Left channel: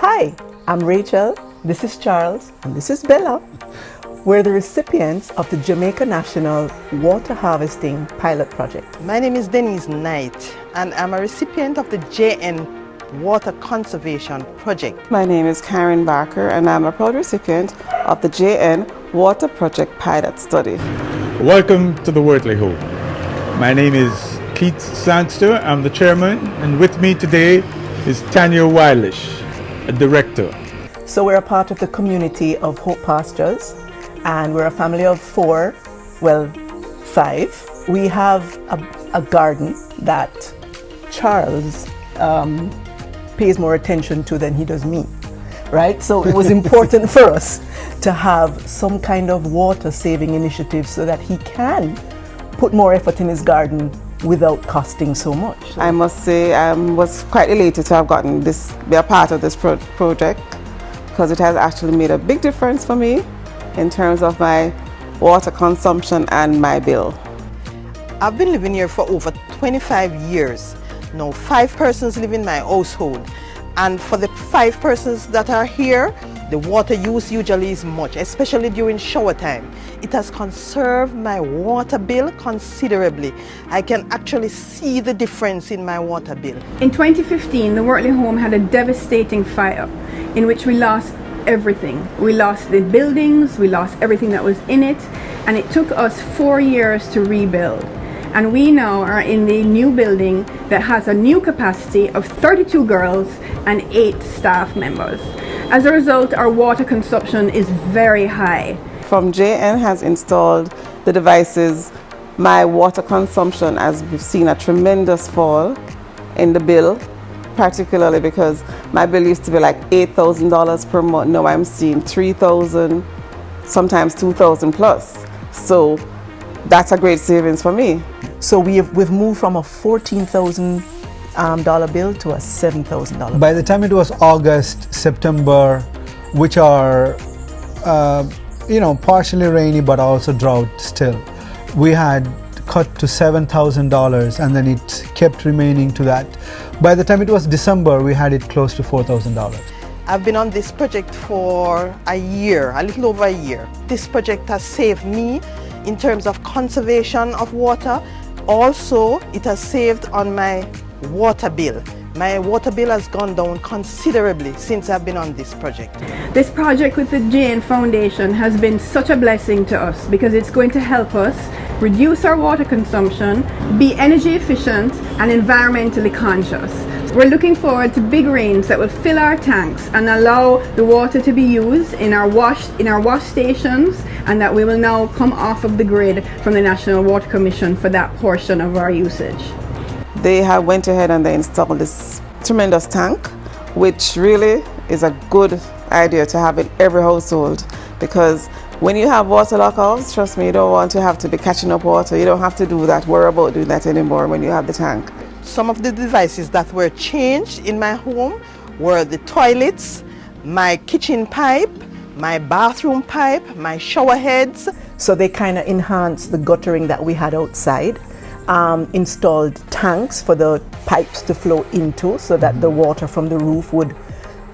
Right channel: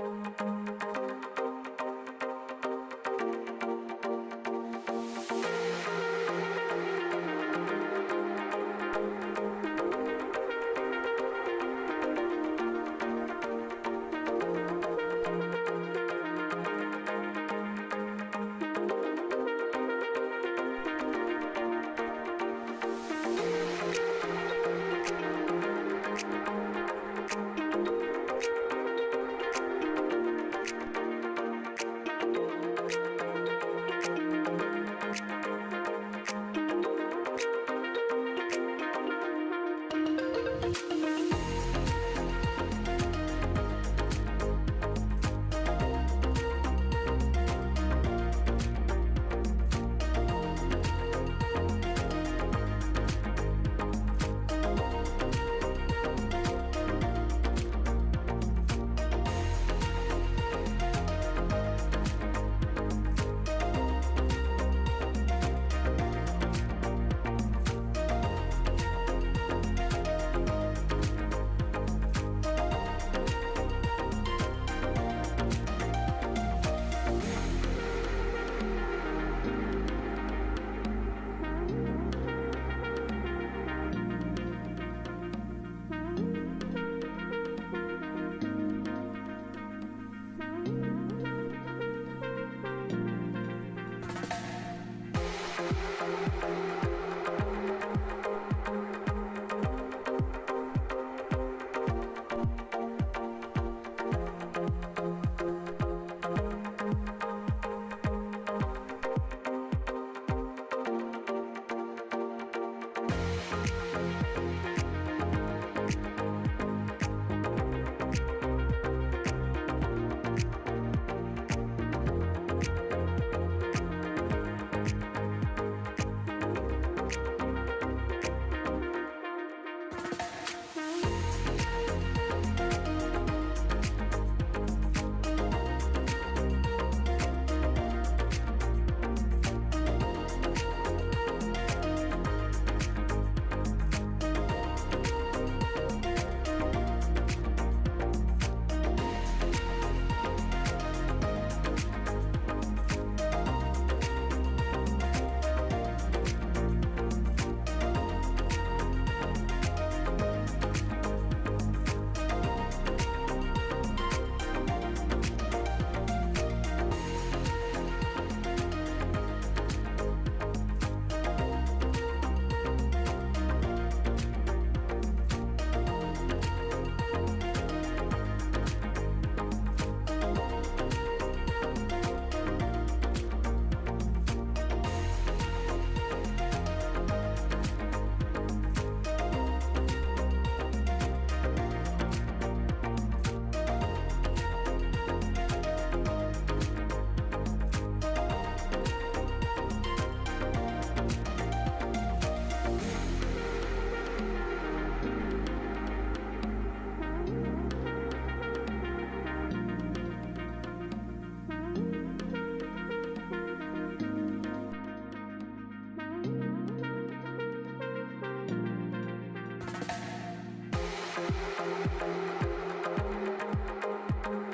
Hi, I'm Rachel, this is Charles, and this is Bella. We're the recipients of the Jamaica National Water Harvesting Pilot Project. My name is Denise Knight, and I'm a recipient of the JN Water Conservation Project. My name is Karen Barker, and I'm a proud recipient of the JN Water Project Pilot Study. Welcome to the Wortley Home. My name is Keith Sandster, I'm the chairman, and with me today is Tanya Wilish, a director. So we're a part of the community of Hope Pastures, and we're a family of 5. We have a garden that Charles pays more attention to than he does me, right? So it was important for us to have some kind of water saving initiative so that he can put more effort in his garden without costing so much. I must say I was quite elated to have gotten be a part of this project, because it has actually made a big difference for me in terms of my water consumption and my bill. I've been living here for over 25 years. Now 5 persons live in my household, and for the 5 persons that are here, the water use usually is much, especially during shower time. It has conserved my water bill considerably. I can actually see the difference in my water bill. In 2015, the Wortley home had a devastating fire in which we lost everything. We lost the buildings, we lost everything that was in it, and it took us 4 years to rebuild. And we now are in the new building that has a new capacity of 32 girls and 8 staff members. As a result, our water consumption is very high. From JN has installed the devices, my water consumption has seen a tremendous fall in the bill, particularly because my bill used to be like $8,000 per month. Now I'm seeing $3,000, sometimes $2,000 plus. So that's a great savings for me. So we've moved from a $14,000 bill to a $7,000. By the time it was August, September, which are partially rainy but also drought still, we had cut to $7,000, and then it kept remaining to that. By the time it was December, we had it close to $4,000. I've been on this project for a year, a little over a year. This project has saved me in terms of conservation of water. Also, it has saved on my water bill. My water bill has gone down considerably since I've been on this project. This project with the JN Foundation has been such a blessing to us because it's going to help us reduce our water consumption, be energy efficient and environmentally conscious. We're looking forward to big rains that will fill our tanks and allow the water to be used in our wash stations, and that we will now come off of the grid from the National Water Commission for that portion of our usage. They have went ahead and they installed this tremendous tank, which really is a good idea to have in every household, because when you have water lockouts, trust me, you don't want to have to be catching up water. You don't have to do that, worry about doing that anymore when you have the tank. Some of the devices that were changed in my home were the toilets, my kitchen pipe, my bathroom pipe, my shower heads. So they kind of enhanced the guttering that we had outside, installed tanks for the pipes to flow into so that the water from the roof would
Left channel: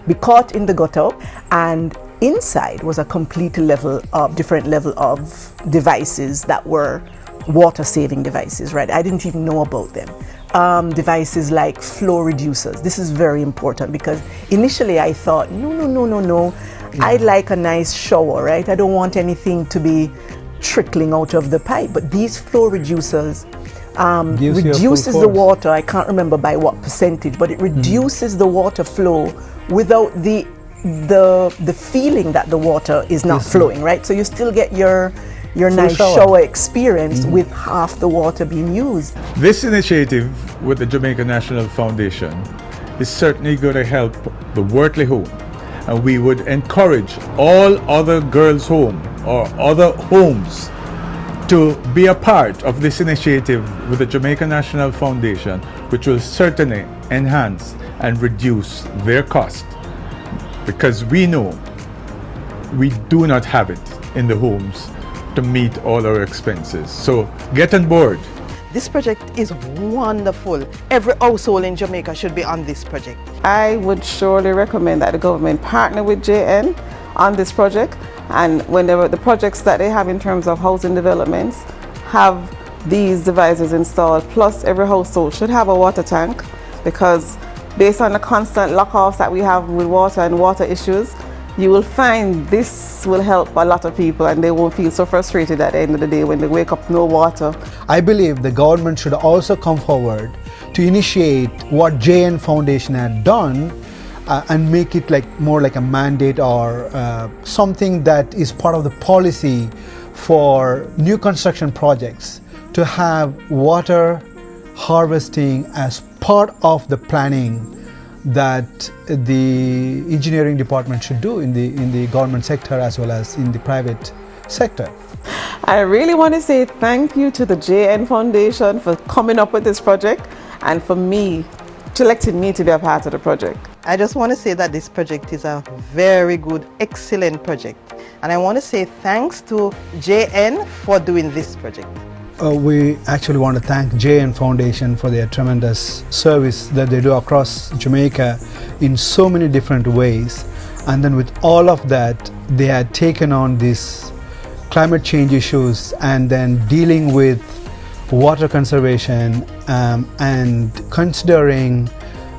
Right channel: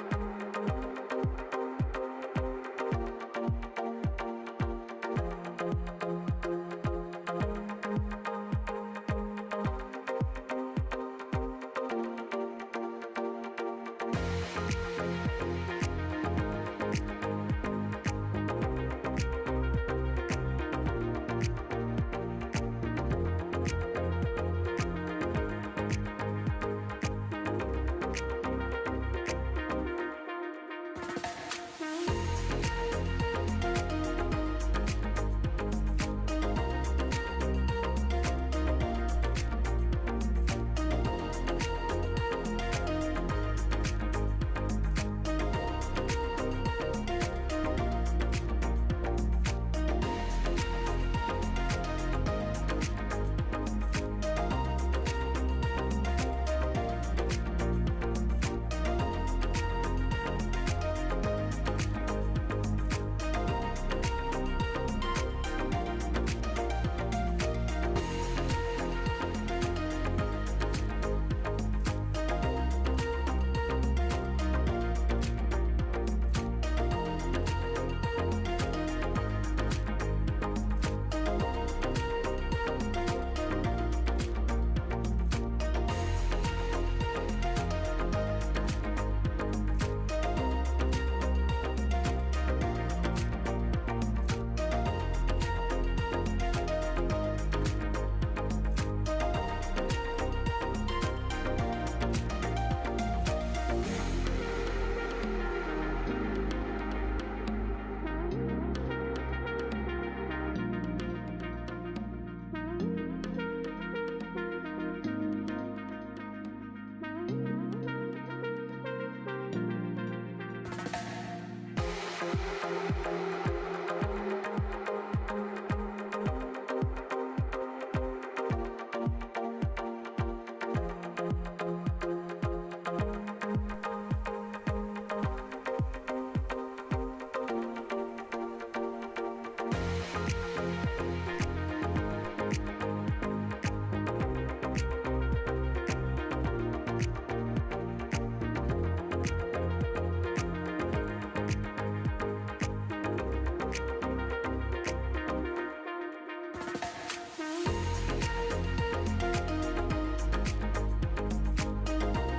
be caught in the gutter, and inside was a different level of devices that were water saving devices, right? I didn't even know about them. Devices like flow reducers. This is very important because initially I thought, no. I'd like a nice shower, right? I don't want anything to be trickling out of the pipe. But these flow reducers reduces the water. I can't remember by what percentage, but it reduces the water flow without the feeling that the water is not flowing, right? So you still get your nice shower experience with half the water being used. This initiative with the Jamaica National Foundation is certainly going to help the Wortley home, and we would encourage all other girls' home or other homes to be a part of this initiative with the Jamaica National Foundation, which will certainly enhance and reduce their cost, because we know we do not have it in the homes to meet all our expenses. So get on board. This project is wonderful. Every household in Jamaica should be on this project. I would surely recommend that the government partner with JN on this project, and whenever the projects that they have in terms of housing developments have these devices installed, plus every household should have a water tank, because based on the constant lock-offs that we have with water and water issues, you will find this will help a lot of people and they won't feel so frustrated at the end of the day when they wake up no water. I believe the government should also come forward to initiate what JN Foundation had done and make it more like a mandate or something that is part of the policy for new construction projects to have water harvesting as part of the planning that the engineering department should do in the government sector as well as in the private sector. I really want to say thank you to the JN Foundation for coming up with this project and for selecting me to be a part of the project. I just want to say that this project is a very good, excellent project. And I want to say thanks to JN for doing this project. We actually want to thank JN Foundation for their tremendous service that they do across Jamaica in so many different ways. And then with all of that, they had taken on these climate change issues and then dealing with water conservation and considering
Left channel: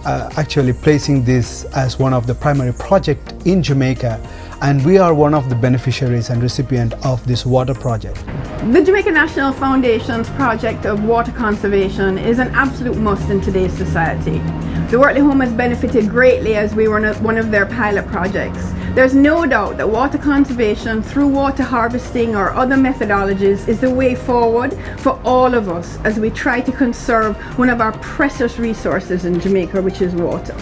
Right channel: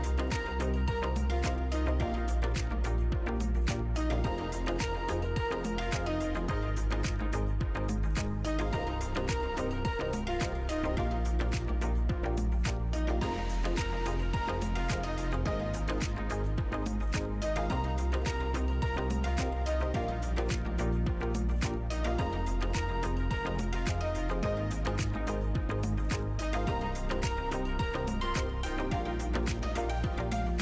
actually placing this as one of the primary projects in Jamaica. And we are one of the beneficiaries and recipient of this water project. The Jamaica National Foundation's project of water conservation is an absolute must in today's society. The Wortley Home has benefited greatly as we were one of their pilot projects. There's no doubt that water conservation through water harvesting or other methodologies is the way forward for all of us as we try to conserve one of our precious resources in Jamaica, which is water.